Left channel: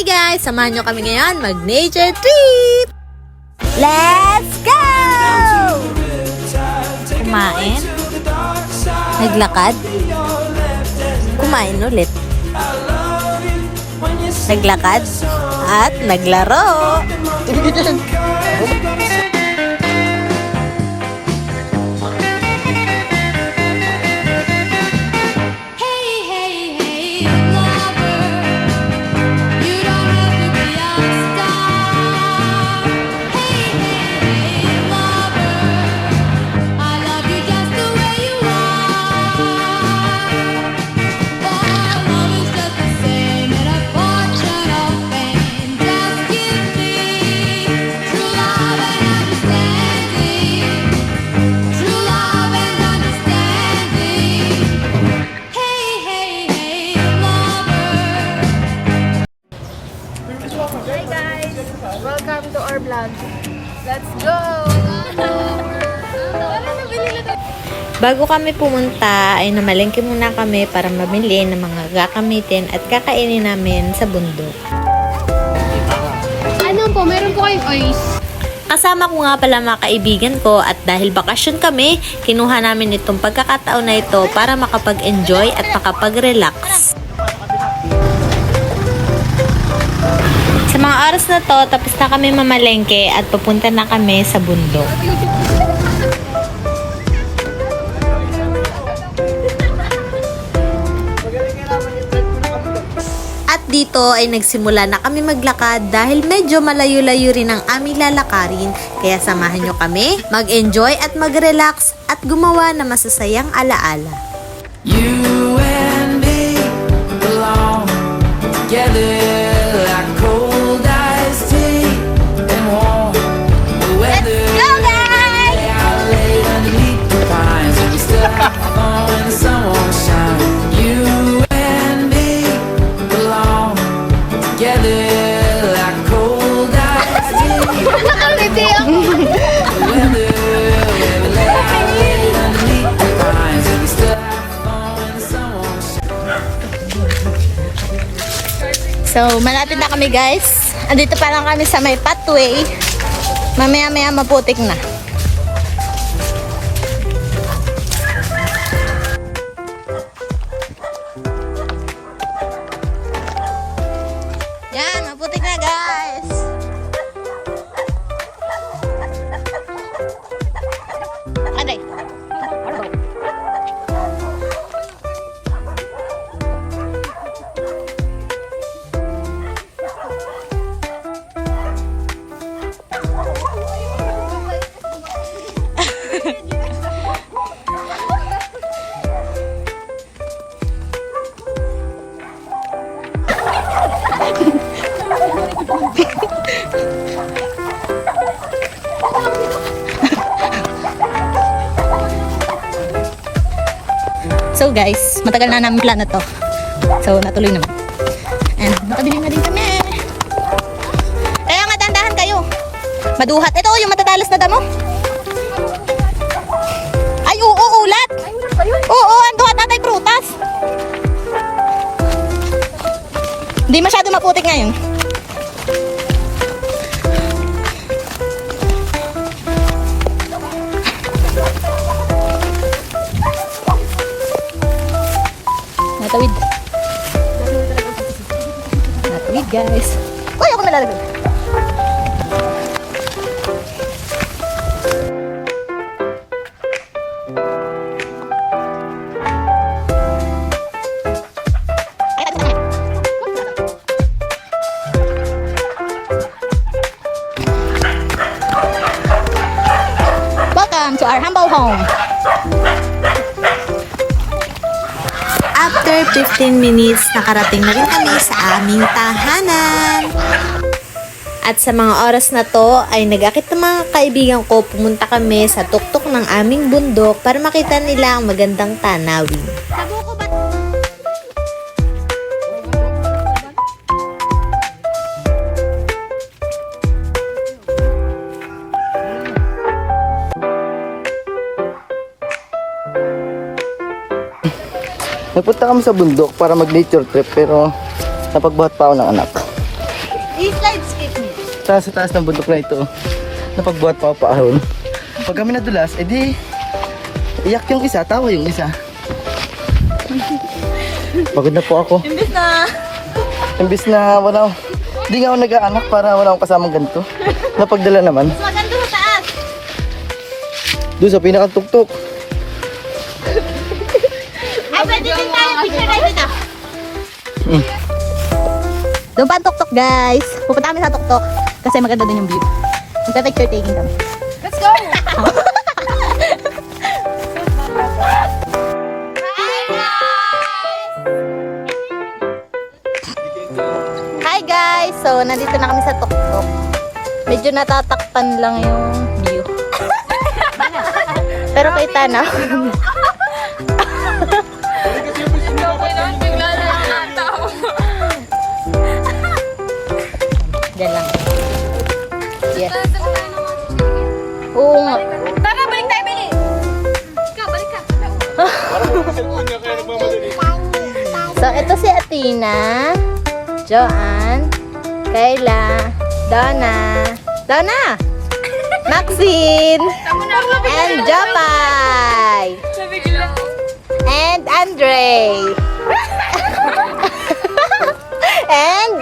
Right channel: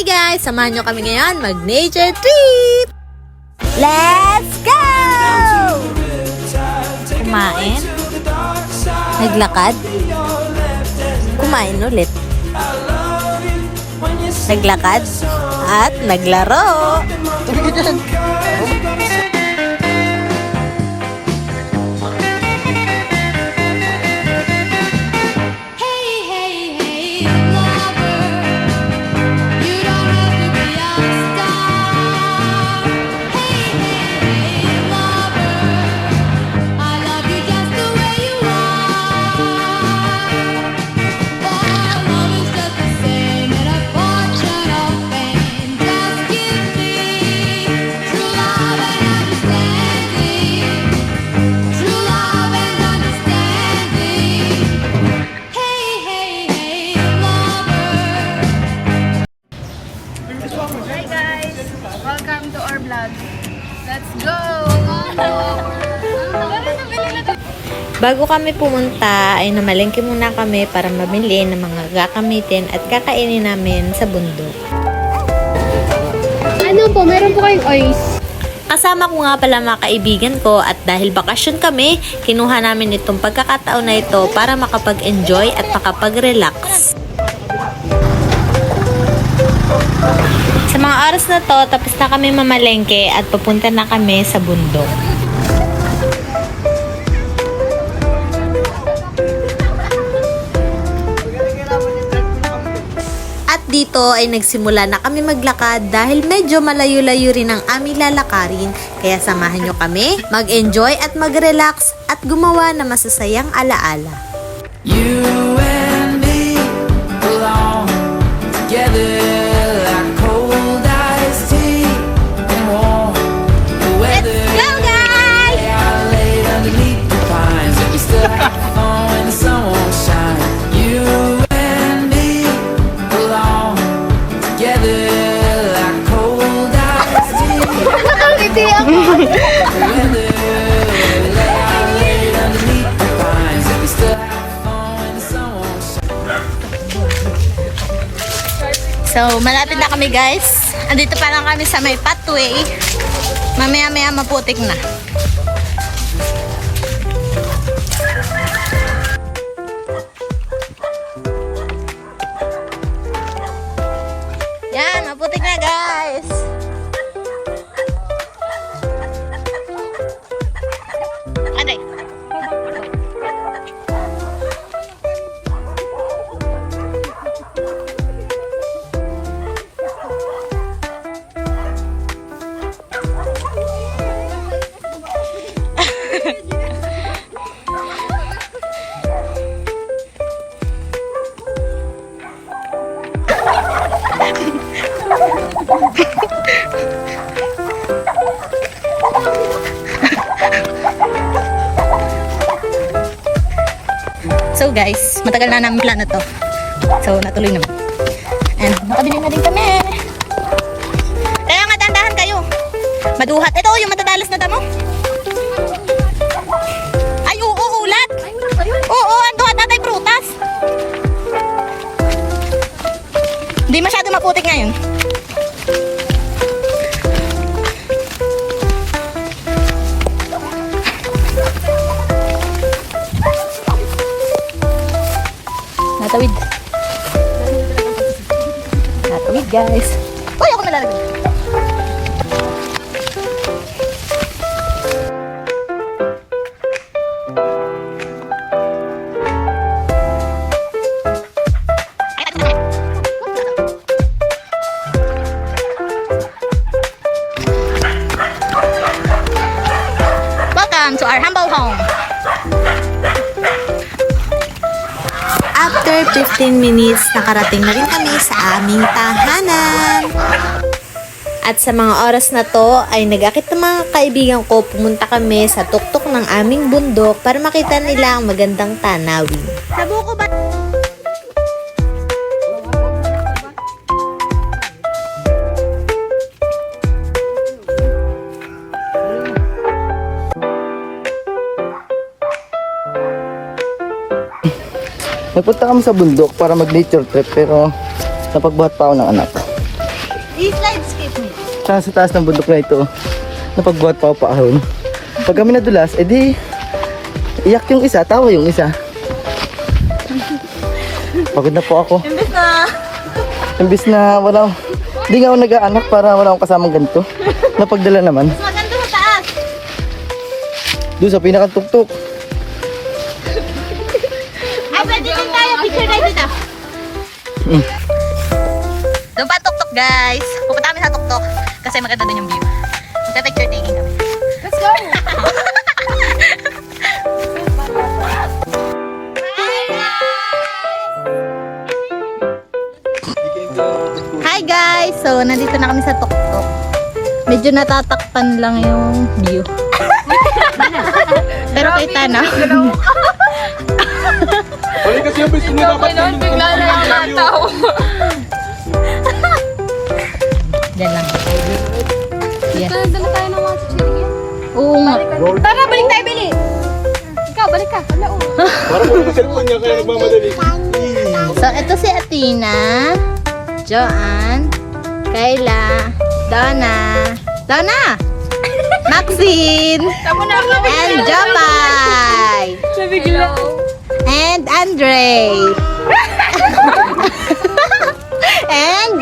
Hi guys! Samahan nyo kami ngayon mag-nature trip! Let's go! Kumain? Naglakad? Kumain ulit. Naglakad? At naglaro! Welcome to our vlog. Let's go! Bago kami pumunta ay namalengke muna kami para mamili ng mga gagamitin at kakainin namin sa bundok. Ano po? Meron po kayong oils. Kasama ko nga pala mga kaibigan ko at dahil bakasyon kami, kinuha namin itong pagkakataon na ito para makapag-enjoy at makapag-relax. Sa mga oras na to, tapos na kami mamalengke at papunta na kami sa bundok. At dito ay nagsimula na kami maglakad dahil medyo malayo-layo rin ang aming lalakarin. Kaya samahan nyo kami, mag-enjoy at mag-relax at gumawa ng masasayang alaala. You and me belong together like cold iced tea and warm the weather. Lay out late underneath the pines and we still have fun when the sun won't shine. You and me belong together like cold iced tea and warm the weather. We lay out late underneath the pines and we still have fun when the sun won't shine. So, malapit na kami guys. Andito pa lang kami sa may pathway. Mamaya-maya maputik na. Yan, maputik na guys. Aday. So guys, matagal na namin plano to. So natuloy naman. And nakabili na din kami. Kaya nga dandahan kayo. Maduhat. Ito yung matatalas na damo. Ay oo, ulat. Oo, ang duhat natin prutas. Hindi masyado maputik ngayon. Matawid. Matawid guys. Uy, ako malalagay. Welcome to our humble home. After 15 minutes, nakarating na rin kami sa aming tahanan. At sa mga oras na to, ay nag-akit ng mga kaibigan ko, pumunta kami sa tuktok ng aming bundok para makita nila ang magandang tanawin. Sabuko ba? Nagpunta kami sa bundok para mag-nature trip pero napagbuhat pa ako ng anak. I-slide skip mo. Sa taas ng bundok na ito, napagbuhat pa ako paahon. Pag kami nadulas, edi iyak yung isa, tawa yung isa. Pagod na po ako. Imbis na walang, di nga ako nag-aanak para wala akong kasamang ganito. Napagdala naman. Saan doon sa taas? Doon sa pinakatuktok. Ay, pwede din tayo. Picture tayo dito. Doon pa ang tuktok, guys. Pupunta kami sa tuktok. Kasi maganda din yung view. Magka-picture taking kami. Let's go! Hi guys! So, nandito na kami sa tuktok. Medyo natatakpan lang yung view. Pero kita na. Okay noon, bigla na lang nataw. Diyan lang. Yes. Dala tayo ng mga Oo nga. Tara, balik tayo, Bili! Ikaw, balik ka. So, ito si Athena, Joanne, Kayla, Donna, Maxine, and Jopay, and Andre. And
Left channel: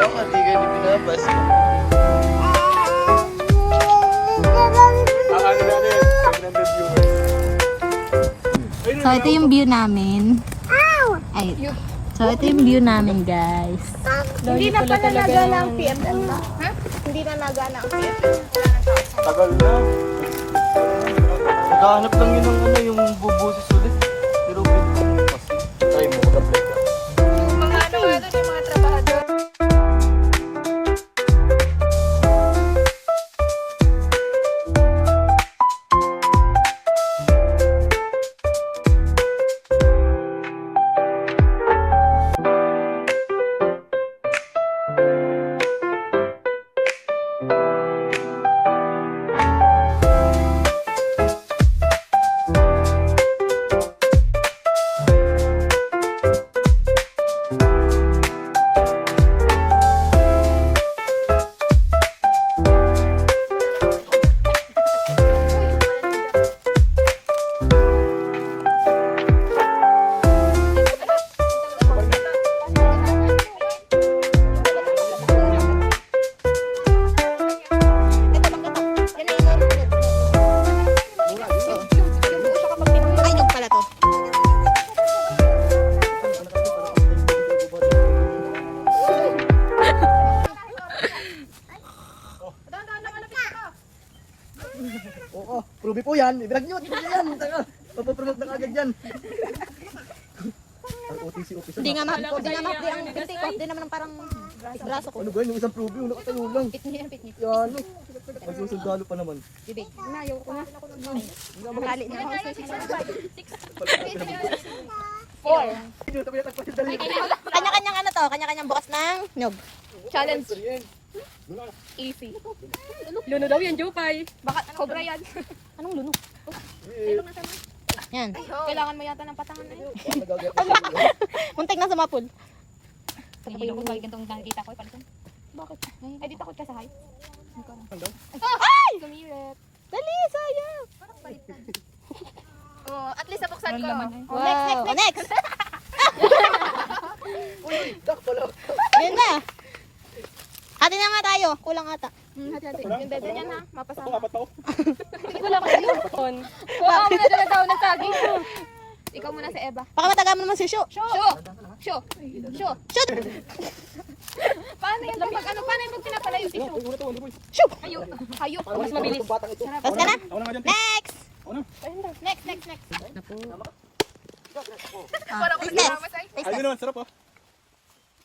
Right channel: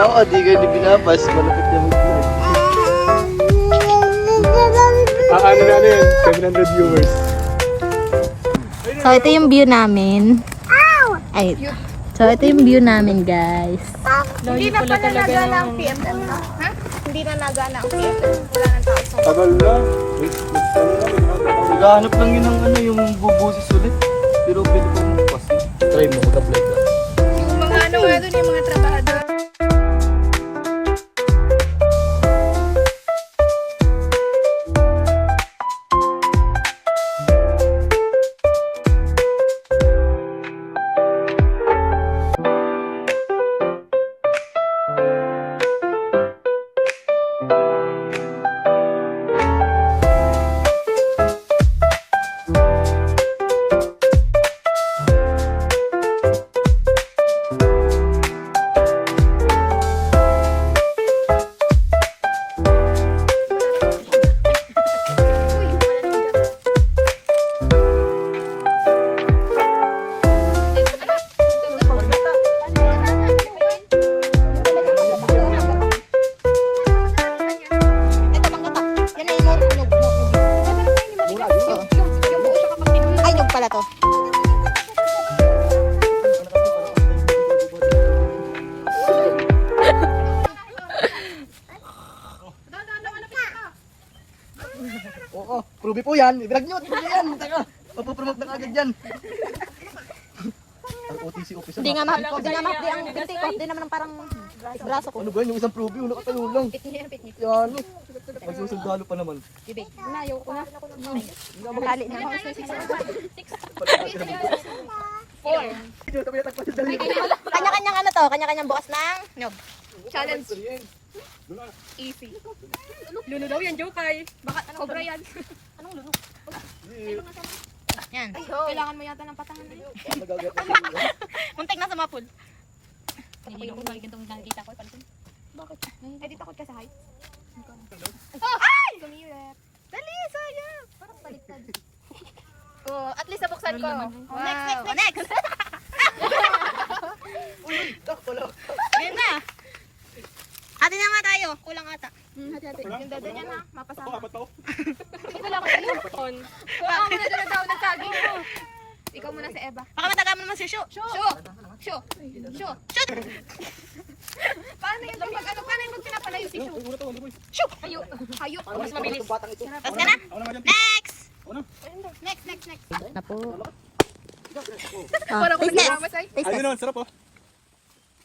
Ako, di ka ni pinapas. Ano na yan? 700 viewers. So, ito yung view namin. Ay, so, ito yung view namin, guys. Tagal lang. Naghahanap lang yun ng ano, yung bubusis ulit. Pero pwede kong kasi. Try mo, tablet. Mga ano nga doon yung mga trabahador. Ay, yung pala to. Oo, Ruby po yan. I-vlog nyo, Ruby yan. Taka, papapromote na agad yan. ROTC officer. Hindi nga mahal. Hindi nga mahal. Ang ganti ko. Hindi naman ang parang braso ko. Ano ba yun? Yung isang Ruby, nakatayo lang. Yan. Magsusundalo pa naman. Makali na. Kanya-kanyang ano to? Kanya-kanyang bukas ng nyog. Challenge. Easy. Luno daw yan, Jokay. Bakit ano? Cobra yan. Anong luno? Yan. Kailangan mo yata ng patangan na yun. Muntik na sumapol. Hindi ko balik itong nakikita ko. Palitan. Bakit? Ay, di takot ka sa height. Ay! Sumirit. Dali, sayang. Parang baliktad. Oh, at least nabuksan ko. Wow. Next. Yan na. Ate na nga tayo. Kulang ata. Hati-hati. Yung dede niyan ha. Mapasama. Hindi ko lang kasi yung buton. Kung ako muna doon na tao nagtaging. Ikaw muna si Eva. Baka mataga mo naman si Shu. Sho! Paano yun? Paano yung pag pinapalayo si Sho? Hayo. Mas mabilis. Tapos ka na? Next. Next. Na po. Para ko Taste nagkakamas ay. Taste test. Ano, sarap oh.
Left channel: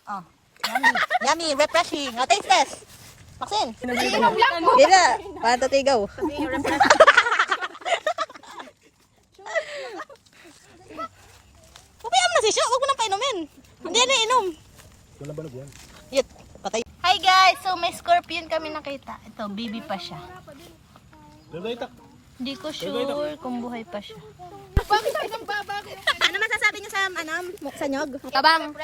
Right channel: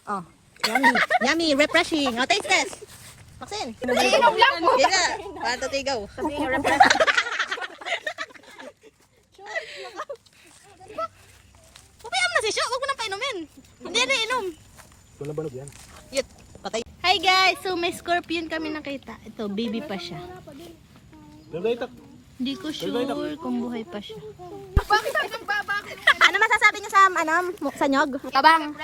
Oh. Yummy. Refreshing. Oh, taste test. Maxine. Hindi ka. Para tatigaw. Pabayaan mo na si Shu. Huwag mo nang painumin. Hindi na inom. Walang balog yan. Yut. Patay. Hi guys. So may scorpion kami nakita. Ito, baby pa siya. Pero itak. Hindi ko sure kung buhay pa siya. Ano masasabi niyo sa sa nyog? Tabang.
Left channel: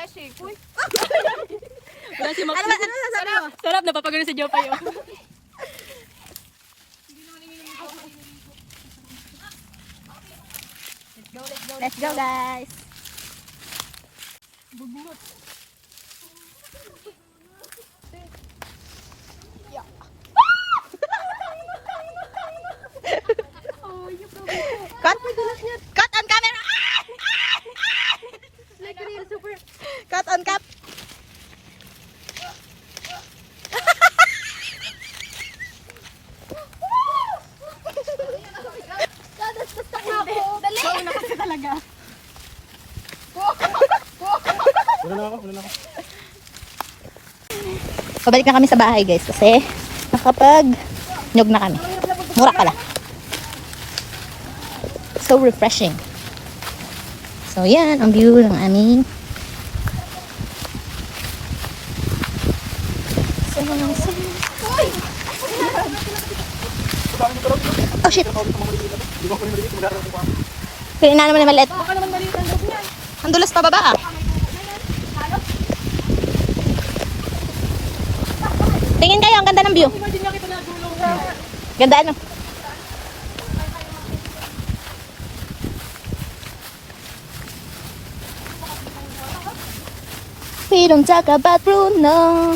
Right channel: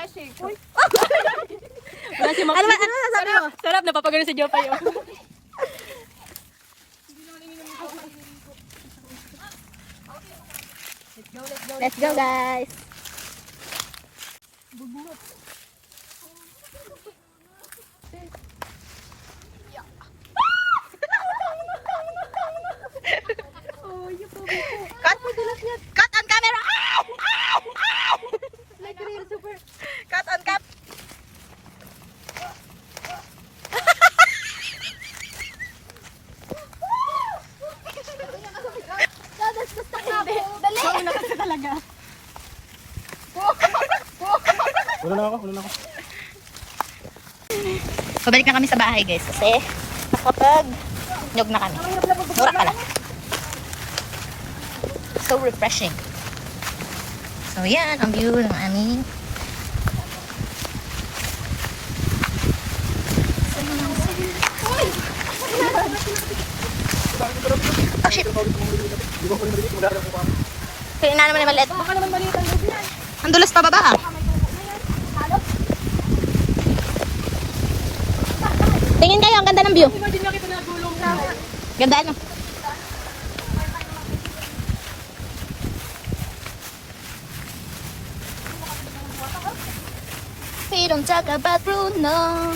Ano masasabi mo? Sarap, napapagano sa Jopay. Oh. Let's go guys. Cut on camera! Like real super. Cut on cap. Wala na ako, wala na ako. Pabalik na kami sa bahay guys kasi nakapag nyog na kami. Mura pala. So refreshing. So yan ang view ng aming oh shit. Kaya na naman yung maliit. Baka naman maliit ang loob niyan. Ang dulas pa baba. Tingin kayo, ang ganda ng view. Ganda ano? We don't talk about Bruno.